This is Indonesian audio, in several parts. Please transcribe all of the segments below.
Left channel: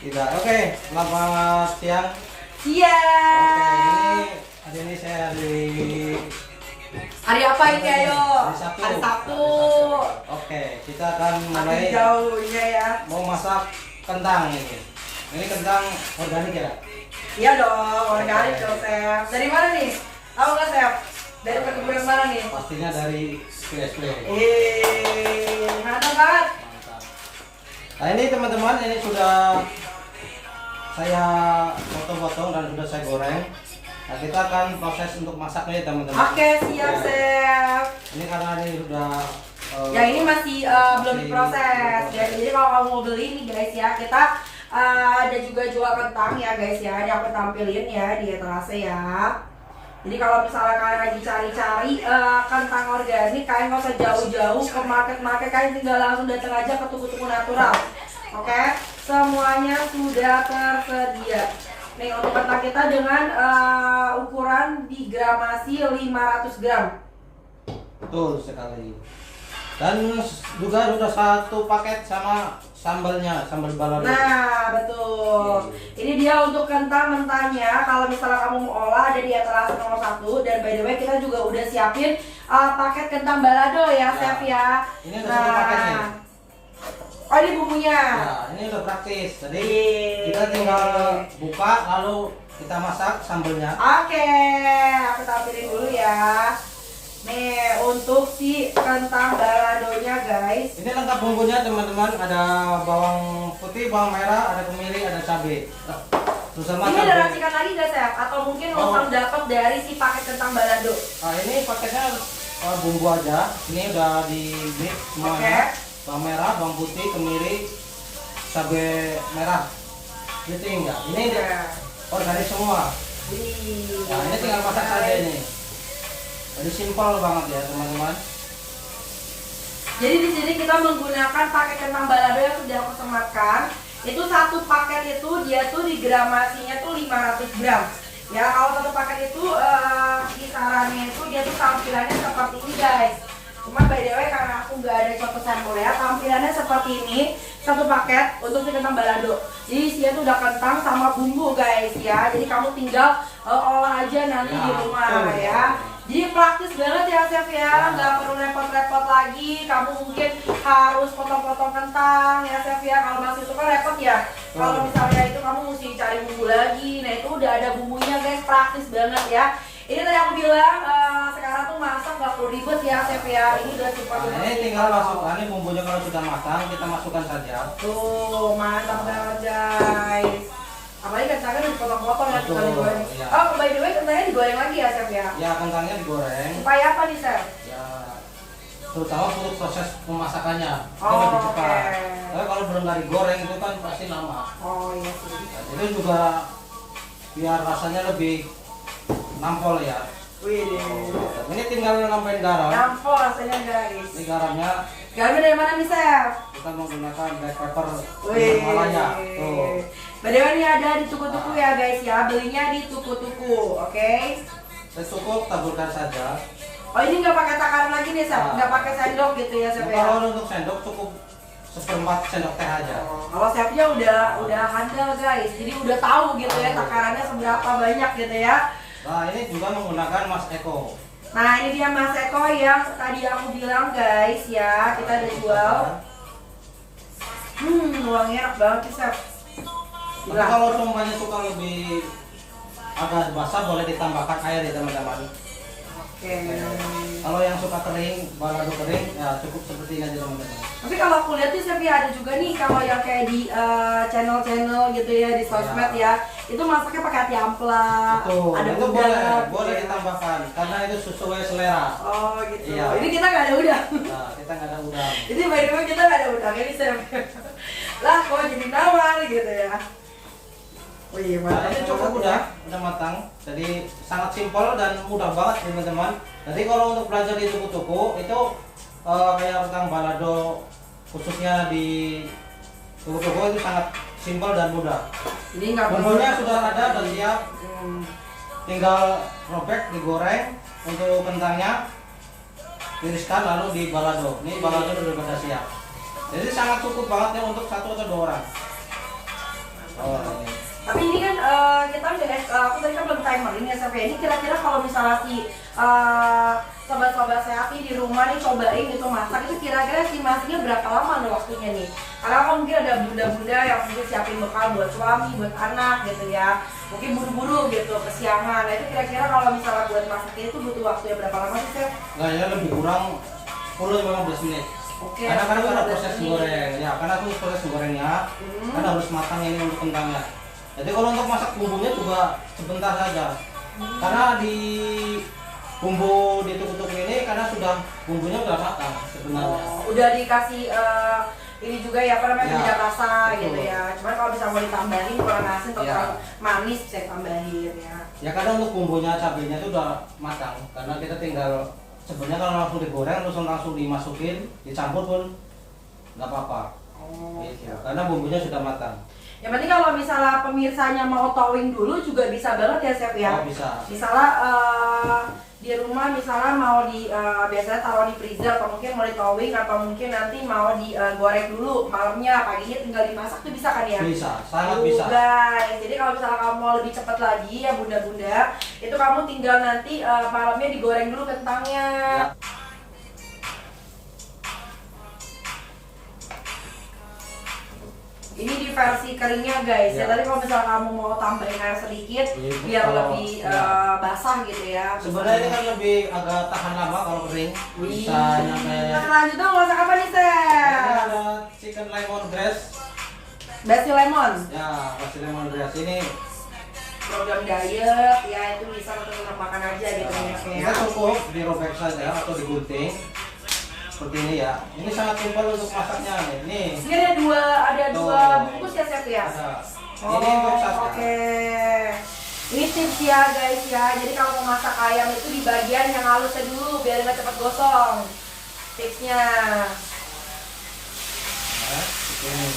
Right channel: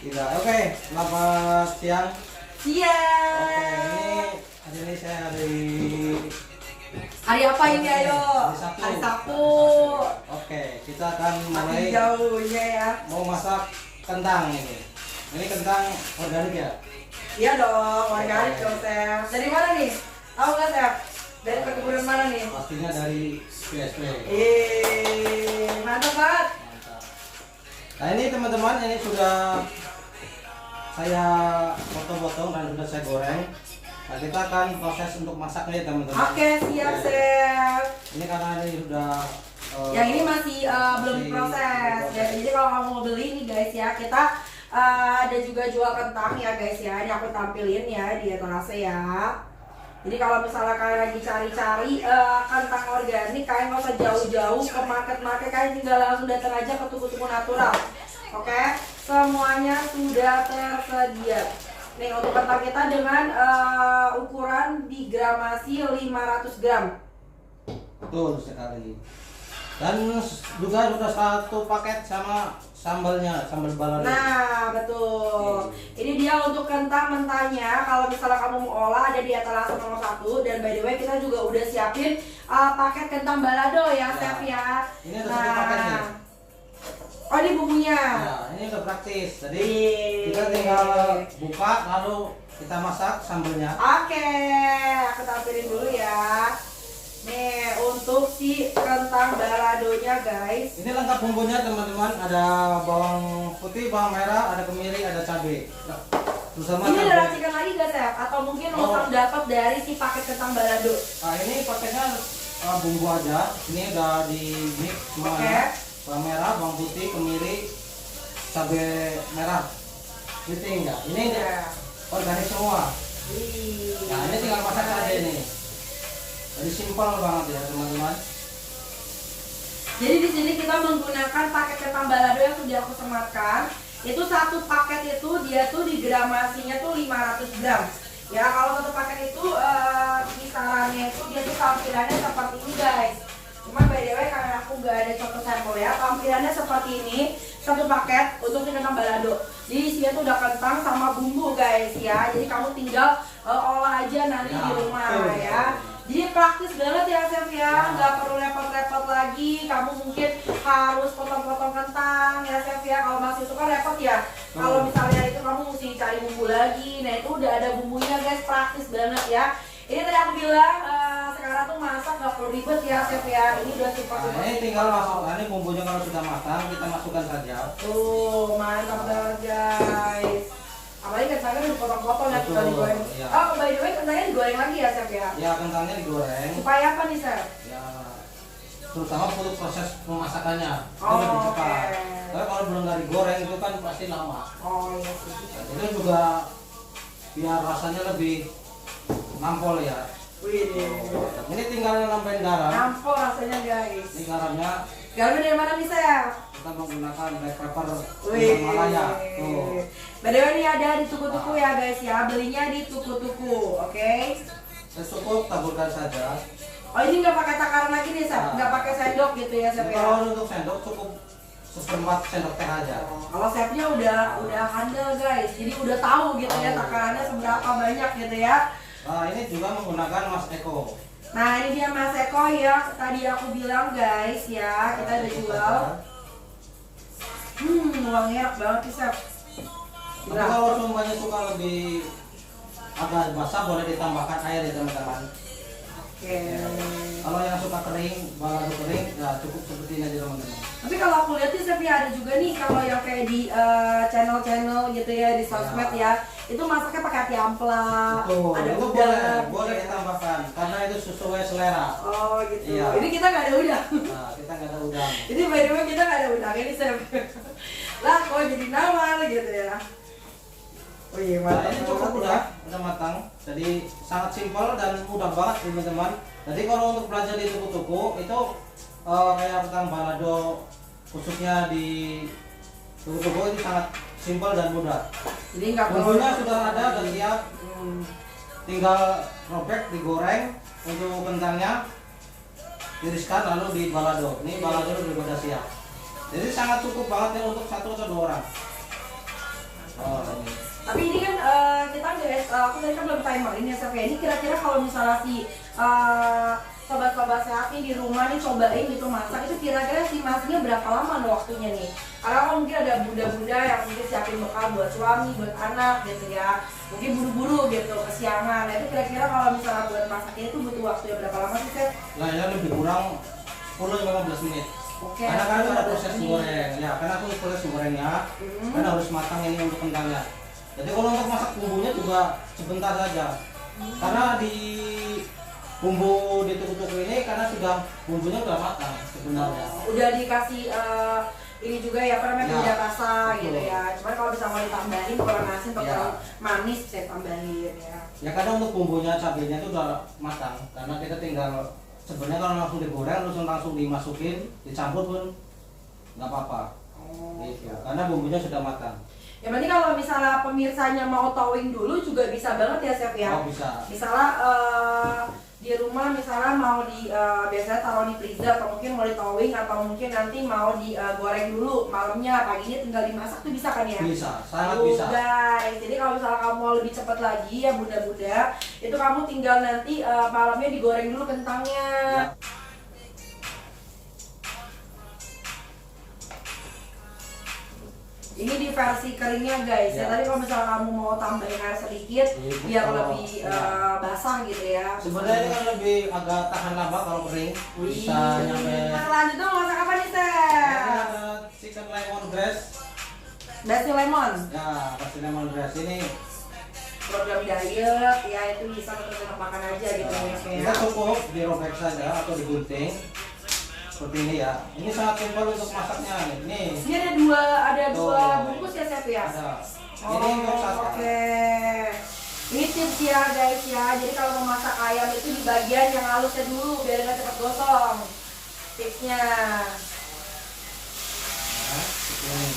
Tidak. Oke, selamat siang. Iya. Oke, hari ini saya Hari apa ini ayo? Hari Sabtu. Hari Sabtu. Oke, kita akan mulai Makin jauhnya ya. mau masak kentang ini. Ini kentang organik ya? Iya dong, organik dong Chef. Dari mana nih? Tahu nggak Chef? Dari perkebunan mana nih? Pastinya dari PSP. Mantap banget. Nah ini teman-teman, ini sudah saya potong-potong dan sudah saya goreng. Nah kita akan proses untuk masaknya ya teman-teman. Oke, siap Chef. Ini karena ini sudah Yang ini masih belum diproses. Jadi kalau kamu mau beli nih guys ya, kita ada juga jual kentang ya guys ya. Ini aku tampilin ya di etalase ya. Jadi kalau misalnya kalian lagi cari-cari kentang organik, kalian nggak usah jauh-jauh ke market-market, kalian tinggal langsung datang aja ke toko-toko natural. Oke, semuanya sudah tersedia. Nih untuk kentang kita dengan ukuran digramasi 500 gram. betul sekali. Dan juga sudah satu paket sama sambalnya, sambal balado. Nah, betul. Ini dia untuk kentang mentahnya. Kalau misalnya kamu mau olah, ada di etalase nomor 1. Dan by the way, kita juga udah siapin paket kentang balado ya, Chef ya. Ini ada satu paketnya. Oh, ini bumbunya. Nah, ini udah praktis. Jadi kita tinggal buka lalu kita masak sambalnya. Oke, aku tampilin dulu ya. Nih, untuk si kentang baladonya guys. Ini lengkap bumbunya teman-teman. Ada bawang putih, bawang merah, ada kemiri, ada cabai. Terus sama Ini ada cabai. racikan lagi gak, Chef? Atau mungkin langsung dapat dari si paket kentang balado? Nah, ini paketnya bumbu aja. Ini udah di mix semuanya. Bawang merah, bawang putih, kemiri, cabai merah. Gitu enggak? Ini organik semua. Wih. Nah, ini tinggal masak saja ini. Jadi simpel banget ya teman-teman. Jadi di sini kita menggunakan paket kentang balado yang sudah aku sematkan. Itu satu paket itu dia tuh digramasinya tuh 500 gram. Ya kalau satu paket itu kisarannya itu dia tuh tampilannya seperti ini guys. Cuma by the way karena aku nggak ada contoh sampel ya, tampilannya seperti ini satu paket untuk si kentang balado. Jadi isinya tuh udah kentang sama bumbu guys ya. Jadi kamu tinggal olah aja nanti di rumah ya. Jadi praktis banget ya Chef ya, nggak perlu repot-repot lagi. Kamu mungkin harus potong-potong kentang ya Chef ya. Kalau masih itu kan repot ya. Kalau misalnya itu kamu mesti cari bumbu lagi. Nah itu udah ada bumbunya guys, praktis banget ya. Ini tadi aku bilang sekarang tuh masak nggak perlu ribet ya Chef ya. Ini udah super. Nah, ini tinggal masukkan ini bumbunya kalau sudah matang kita masukkan saja. Tuh mantap banget guys. Apalagi kentangnya dipotong-potong ya, tinggal digoreng. Iya. Oh by the way kentangnya digoreng lagi ya Chef ya. Ya kentangnya digoreng. Supaya apa nih Chef? Ya terutama untuk proses pemasakannya itu Oh, lebih cepat. oke. Tapi kalau belum dari goreng itu kan pasti lama. Oh iya sih. Itu juga biar rasanya lebih nampol ya. Wih. Ini tinggal nambahin garam. Nampol rasanya guys. Ini garamnya Garamnya dari mana nih Chef? kita menggunakan black pepper Wih. Himalaya. Tuh. By the way ini ada di tuku-tuku ya guys ya. Belinya di tuku-tuku, oke? Cukup taburkan saja. Oh ini nggak pakai takaran lagi nih Chef? Nggak pakai sendok gitu ya Chef ya? Kalau untuk sendok cukup 1/4 sendok teh aja. Kalau chefnya udah handal guys, jadi udah tahu gitu ya takarannya seberapa banyak gitu ya. Nah ini juga menggunakan Mas Eko. Nah ini dia Mas Eko yang tadi aku bilang guys ya, kita ada jual. Wangi enak banget sih Chef. Tapi kalau semuanya suka lebih agak basah boleh ditambahkan air ya teman-teman. Oke. Kalau yang suka kering, balado kering, ya cukup seperti ini aja teman-teman. Tapi kalau aku lihat sih Chef ya ada juga nih kalau yang kayak di channel-channel gitu ya di sosmed ya, itu masaknya pakai hati ampla, Betul, ada itu udang. boleh ditambahkan karena itu sesuai selera. Oh gitu. Iya. Ini kita nggak ada udang. Nah kita nggak ada udang. Ini by the way kita nggak ada udang ini Chef. Lah kok jadi nama gitu ya. Wih Nah, mantap ini cukup banget ya. udah matang. Jadi sangat simpel dan mudah banget teman-teman. Jadi kalau untuk belajar di tuku-tuku itu kayak kentang balado khususnya di tuku-tuku itu sangat simpel dan mudah. Jadi nggak perlu. Bumbunya sudah ada dan siap. Tinggal robek, digoreng. Untuk kentangnya tiriskan lalu di balado. Ini balado sudah pada siap. Jadi sangat cukup banget ya untuk 1 atau 2 orang. aku tadi kan belum timerin ya chef ya. Ini kira-kira kalau misalnya si sobat-sobat sehat nih di rumah nih cobain gitu masak, itu kira-kira estimasinya berapa lama nih waktunya nih? Karena kan mungkin ada bunda-bunda yang mungkin siapin bekal buat suami, buat anak gitu ya, mungkin buru-buru gitu kesiangan. Nah itu kira-kira kalau misalnya buat masak ini tuh butuh waktu ya berapa lama sih chef? Nah ya lebih kurang 10-15 menit. Oke, Karena kan ada proses 15 menit. goreng, ya karena aku proses gorengnya kan harus matang ini untuk kentangnya. Jadi kalau untuk masak bumbunya juga sebentar saja. Karena di bumbu ditukuk-tukuk ini karena sudah bumbunya udah matang sebenarnya. Udah dikasih ini juga ya apa namanya Ya, penyedap rasa betul. gitu ya. Cuman kalau bisa mau ditambahin kurang asin atau Ya. kurang manis bisa tambahin ya. Ya karena untuk bumbunya cabenya itu udah matang. Karena kita tinggal sebenarnya kalau langsung digoreng terus langsung dimasukin, dicampur pun nggak apa-apa. Gitu. Karena bumbunya sudah matang. Yang penting kalau misalnya pemirsanya mau towing dulu juga bisa banget ya chef ya. Oh bisa. Misalnya di rumah misalnya mau biasanya taruh di freezer atau mungkin mau di towing atau mungkin nanti mau digoreng dulu malamnya, paginya tinggal dimasak tuh bisa kan ya? Bisa, sangat Tuh, bisa. guys, jadi kalau misalnya kamu mau lebih cepat lagi ya bunda-bunda, itu kamu tinggal nanti malamnya digoreng dulu kentangnya. Ya. Ini di versi keringnya guys ya. Ya. Tadi kalau misalnya kamu mau tambahin air sedikit Iya, biar kalau- lebih ya. basah gitu ya. Sebenarnya ini kan lebih agak tahan lama kalau kering. Bisa nyampe. Nah, selanjutnya masak apa nih Ini chef? ada chicken lemon grass. Basil lemon. Ya, pasti lemon grass ini. Program diet ya itu bisa untuk makan aja gitu ya chef Kita ya. cukup dirobek saja atau digunting seperti ini ya. Ini sangat simpel untuk masaknya. Ini Ini ada dua Tuh. bungkus ya chef ya. ada. Oh, Ini untuk sausnya. oke. Ini tips ya guys ya. Jadi kalau mau masak ayam itu di bagian yang halusnya dulu biar nggak cepat gosong. Tipsnya. Nah, seperti ini.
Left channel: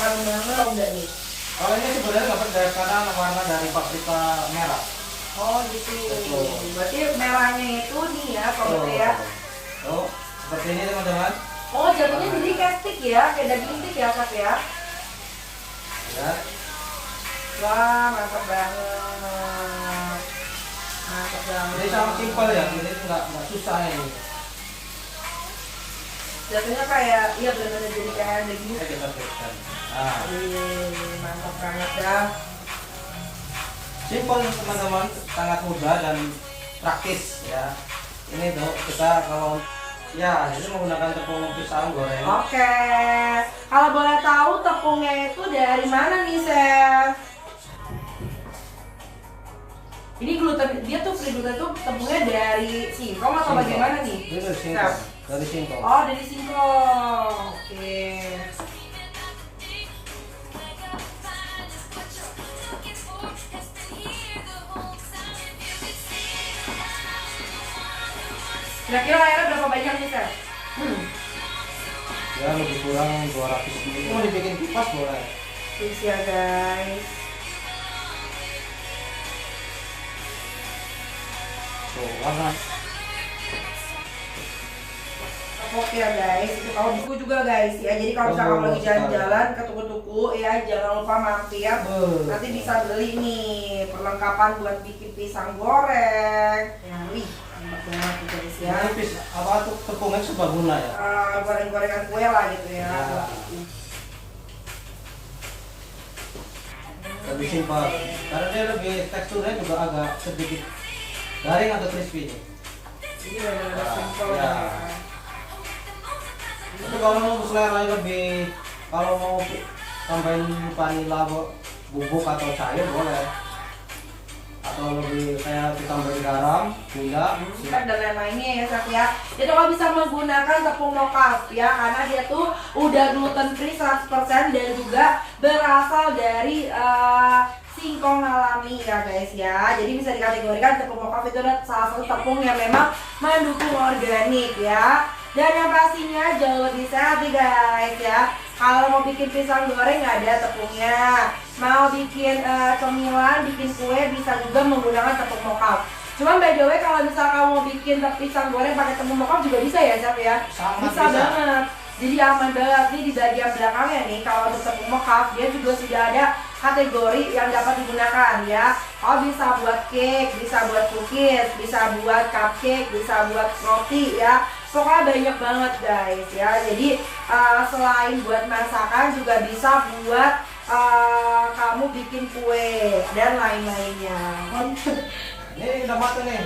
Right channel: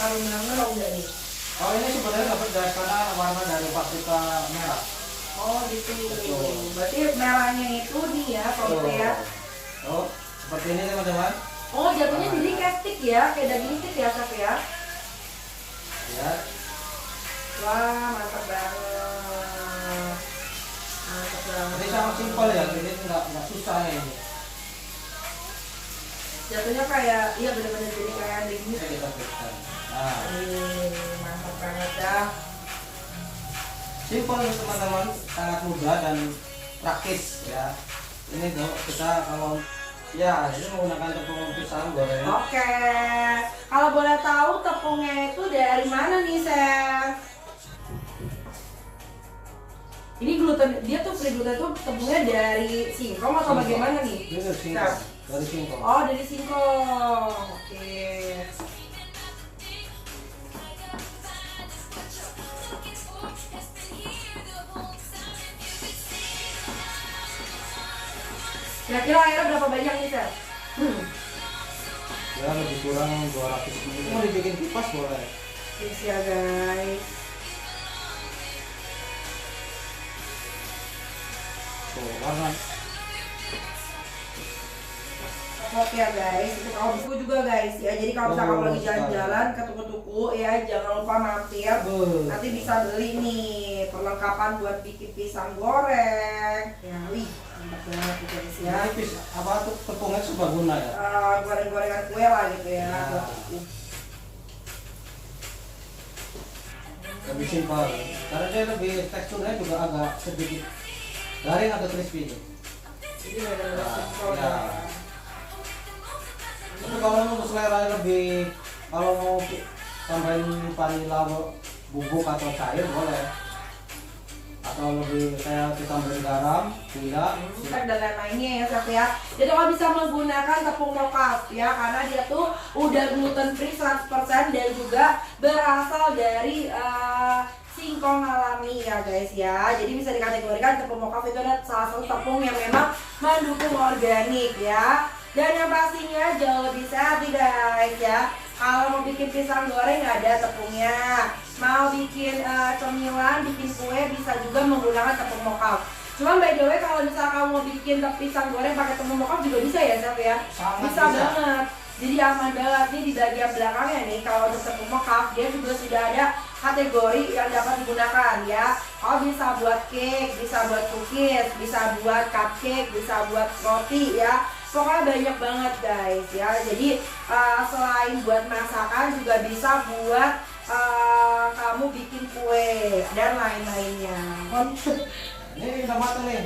Harumnya udah nih. Kalau ini sebenarnya dapat dari karena warna dari paprika merah. Oh gitu. Betul. Berarti merahnya itu nih ya, sobat ya. Oh, seperti ini teman-teman. Oh jatuhnya jadi kayak stick ya, kayak daging stick ya chef ya. Ya. Wah mantap banget. Mantap banget. Ini sangat simpel ya. Ini nggak susah ini. Jatuhnya kayak iya benar-benar jadi kayak daging Ini kita fixkan. Nah, mantap banget ya. simpel teman-teman, sangat mudah dan praktis ya. Ini tuh kita kalau ya ini menggunakan tepung pisang goreng. Oke, kalau boleh tahu tepungnya itu dari mana nih chef? Ini gluten, dia tuh free gluten tuh tepungnya dari singkong atau Singkong. bagaimana nih? Ini dari singkong. Dari singkong. Oh dari singkong, oke. Kira-kira airnya berapa banyak nih chef? Ya lebih kurang 200 ml. Mau dibikin kipas boleh. Tips ya guys. Tuh warna. Oke ya guys, itu kalau buku juga guys ya. Jadi kalau misalnya kamu lagi jalan-jalan ke tuku-tuku ya, jangan lupa mampir. Nanti bisa beli nih perlengkapan buat bikin pisang goreng. Ya, wih, mantap banget tuh guys ya. Ya, apa tuh tepungnya serbaguna ya? Goreng-gorengan kue lah gitu ya. Ya. Buat bikin. Lebih simpel. Karena dia lebih teksturnya juga agak sedikit garing atau crispy. Jadi benar-benar simpel Ya. ya. Tapi kalau mau selera lebih, kalau mau tambahin vanila bubuk atau cair boleh. Atau lebih kayak ditambahin garam, gula. Dan lain-lainnya ya chef ya. Jadi kalau bisa menggunakan tepung mocaf ya, karena dia tuh udah gluten free 100% dan juga berasal dari singkong alami ya guys ya. Jadi bisa dikategorikan tepung mocaf itu adalah salah satu tepung yang memang mendukung organik ya. Dan yang pastinya jauh lebih sehat nih guys ya. Kalau mau bikin pisang goreng nggak ada tepungnya. Mau bikin cemilan, bikin kue bisa juga menggunakan tepung mocaf. Cuman by the way kalau misalnya kamu mau bikin pisang goreng pakai tepung mocaf juga bisa ya chef ya. Sangat Bisa banget. Jadi aman banget nih di bagian belakangnya nih kalau untuk tepung mocaf dia juga sudah ada kategori yang dapat digunakan ya. Kalau bisa buat cake, bisa buat cookies, bisa buat cupcake, bisa buat roti ya. Pokoknya banyak banget guys ya. Jadi selain buat masakan juga bisa buat kamu bikin kue dan lain-lainnya. Ini udah matang nih.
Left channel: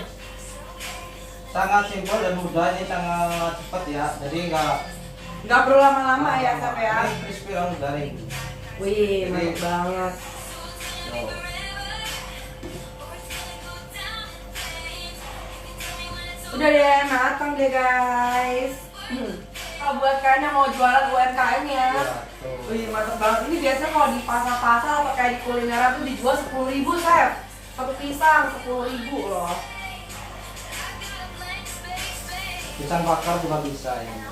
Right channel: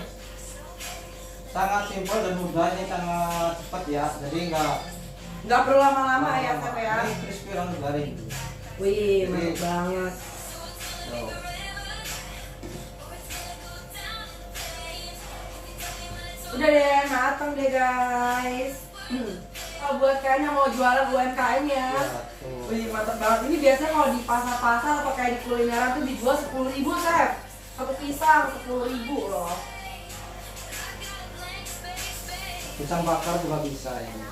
Sangat simpel dan mudah, ini sangat cepat ya. Jadi nggak perlu lama-lama ya Chef ya. Ini crispy langsung garing. Wih, mantap banget. So, Udah deh, matang deh guys. Kalau buat kalian yang mau jualan UMKM ya. tuh. Wih, mantap banget. Ini biasanya kalau di pasar-pasar atau kayak di kulineran tuh dijual 10.000 Chef. Satu pisang 10.000 loh. Pisang bakar juga bisa ini.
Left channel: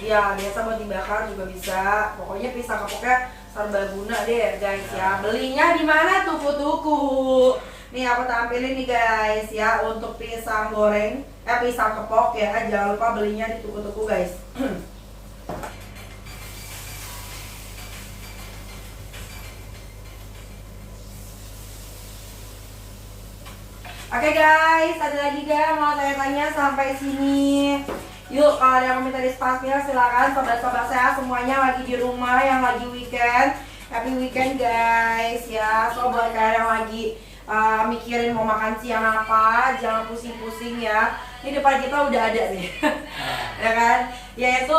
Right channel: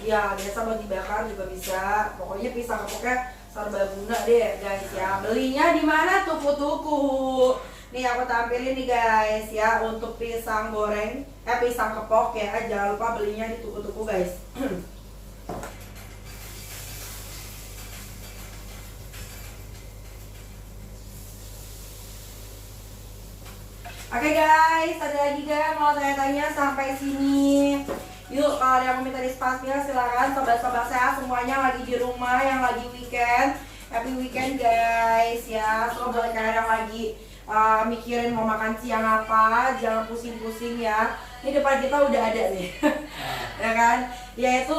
Iya, biasa mau dibakar juga bisa. Pokoknya pisang kepoknya serbaguna deh guys ya. Belinya di mana? Tuku-tuku. Nih aku tampilin nih guys ya untuk pisang goreng, pisang kepok ya. Jangan lupa belinya di tuku-tuku guys. Oke guys, ada lagi gak mau tanya-tanya sampai sini? Yuk, kalau ada yang mau minta dispasnya silakan. Sobat-sobat saya semuanya lagi di rumah yang lagi weekend. Happy weekend guys ya. So buat kalian yang lagi mikirin mau makan siang apa, jangan pusing-pusing ya. Ini depan kita udah ada nih. Ya kan? Yaitu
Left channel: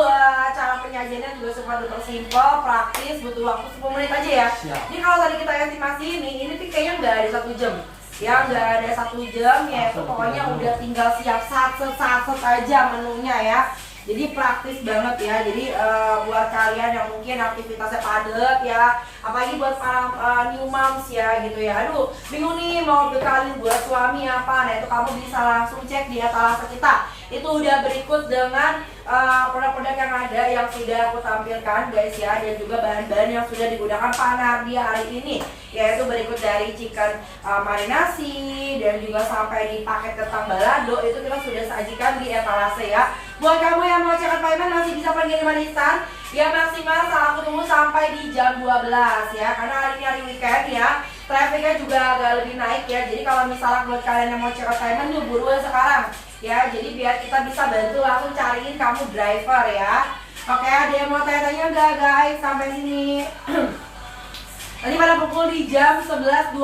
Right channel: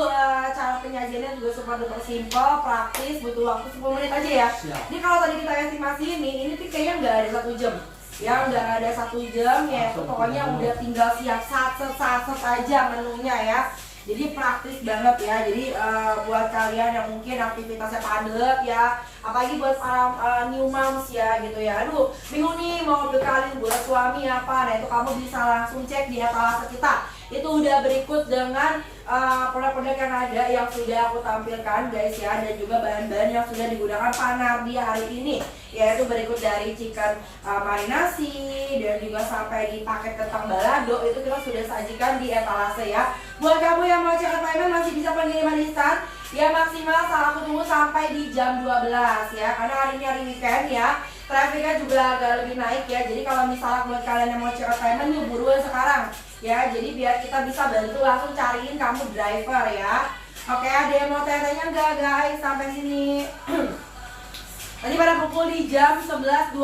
cara penyajiannya juga super duper simple, praktis, butuh waktu 10 menit aja ya. Siap. Ini kalau tadi kita estimasi ini tuh kayaknya nggak ada 1 jam. Ya nggak ada 1 jam ya, itu pokoknya udah tinggal siap satset aja menunya ya. Jadi praktis banget ya. Jadi buat kalian yang mungkin aktivitasnya padat ya, apalagi buat para new moms ya gitu ya. Aduh, bingung nih mau bekalin buat suami apa. Nah itu kamu bisa langsung cek di etalase kita. Itu udah berikut dengan produk-produk yang ada yang sudah aku tampilkan guys ya, dan juga bahan-bahan yang sudah digunakan Pak Nardi hari ini, yaitu berikut dari chicken marinasi dan juga sampai di paket kentang balado itu kita sudah sajikan di etalase ya. Buat kamu yang mau cekat payment masih bisa pengiriman instan ya, maksimal aku tunggu sampai di jam 12 ya, karena hari ini hari weekend ya, trafficnya juga agak lebih naik ya. Jadi kalau misalnya buat kalian yang mau cekat payment yuk buruan sekarang ya, jadi biar kita bisa bantu langsung cariin kamu driver ya. Oke, ada yang mau tanya-tanya enggak guys sampai sini? Nanti pada pukul di jam 11.28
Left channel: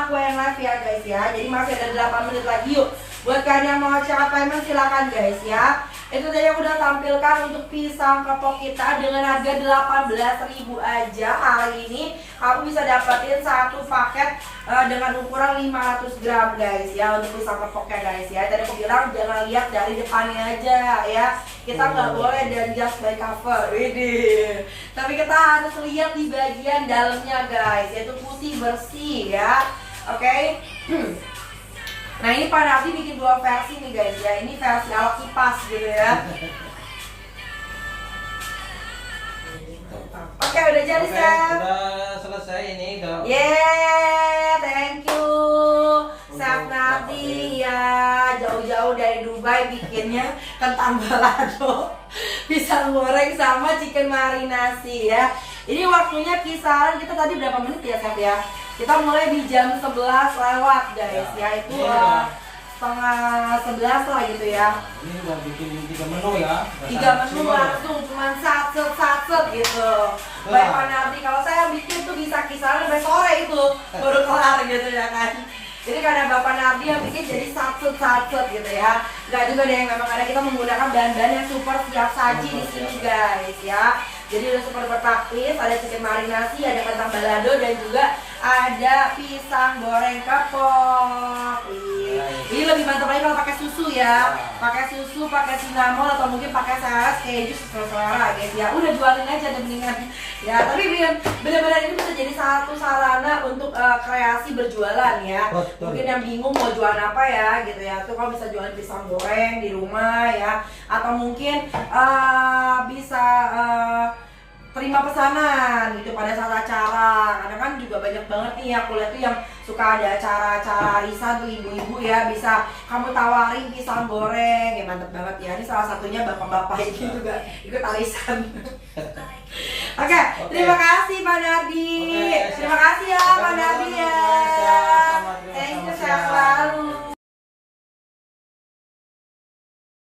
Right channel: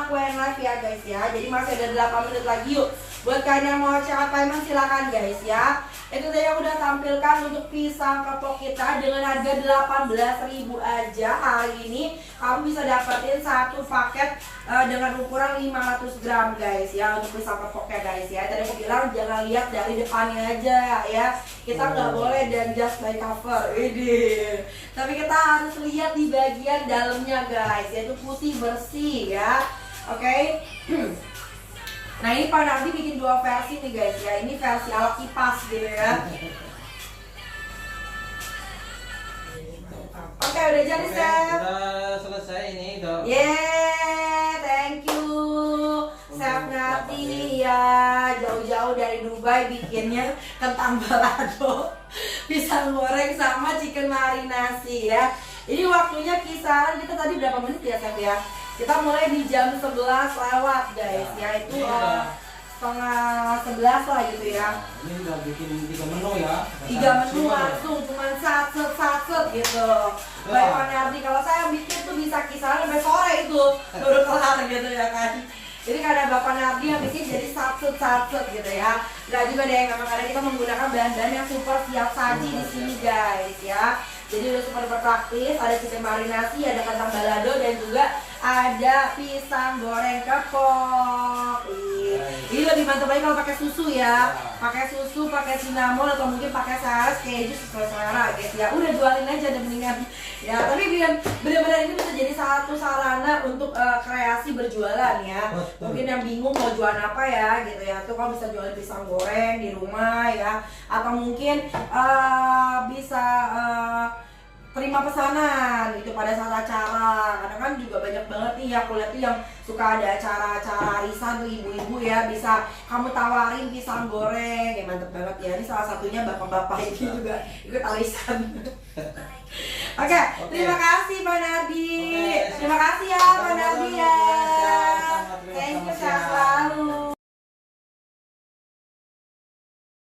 aku yang live ya guys ya. Jadi masih ada 8 menit lagi yuk. Buat kalian yang mau cekat payment silakan guys ya. Itu tadi aku udah tampilkan untuk pisang kepok kita dengan harga 18.000 aja. Hari ini kamu bisa dapetin satu paket dengan ukuran 500 gram guys ya, untuk pisang kepoknya guys ya. Tadi aku bilang jangan lihat dari depannya aja ya. Kita nggak boleh dan just by cover. Widih. Tapi kita harus lihat di bagian dalamnya guys, yaitu putih bersih ya. Oke. Nah ini Pak Nardi bikin 2 versi nih guys ya. Ini versi ala kipas gitu ya. Oke, udah jadi Chef. Udah selesai ini udah. Yeah, thank you Chef Nardi ya. Jauh-jauh dari Dubai bikinnya kentang balado, pisang goreng sama chicken marinasi ya. Ini waktunya kisaran kita tadi berapa menit ya Chef ya? Kita mulai di jam 11 lewat guys ya, itu setengah 11 lah gitu ya. Ini udah bikin 3 menu ya. 3 menu langsung cuman satset gitu. Baik Pak Nardi, kalau saya bikin tuh bisa kisaran sampai sore itu baru kelar gitu ya kan. Jadi karena Bapak Nardi yang bikin jadi satset gitu ya. Gak juga deh, memang ada kita menggunakan bahan-bahan yang super siap saji di sini guys ya. Jadi udah super praktis, ada chicken marinasi, ada kentang balado, dan juga ada pisang goreng kepok. Ini lebih mantap lagi kalau pakai susu ya. Pakai susu, pakai cinnamon, atau mungkin pakai saus keju sesuai selera guys ya. Udah jualin aja deh mendingan. Ya, tapi benar-benar itu bisa jadi satu sarana untuk kreasi berjualan ya. Mungkin yang bingung mau jualan apa ya gitu ya. Tuh kalau bisa jualan pisang goreng di rumah ya, atau mungkin bisa terima pesanan gitu pada saat acara. Karena kan juga banyak banget nih ya, aku lihat tuh yang suka ada acara-acara arisan tuh ibu-ibu ya, bisa kamu tawarin pisang goreng ya, mantep banget ya. Ini salah satunya bapak-bapak ini juga ikut arisan. Oke, terima kasih Pak Nardi. Terima kasih ya Kang Elvi.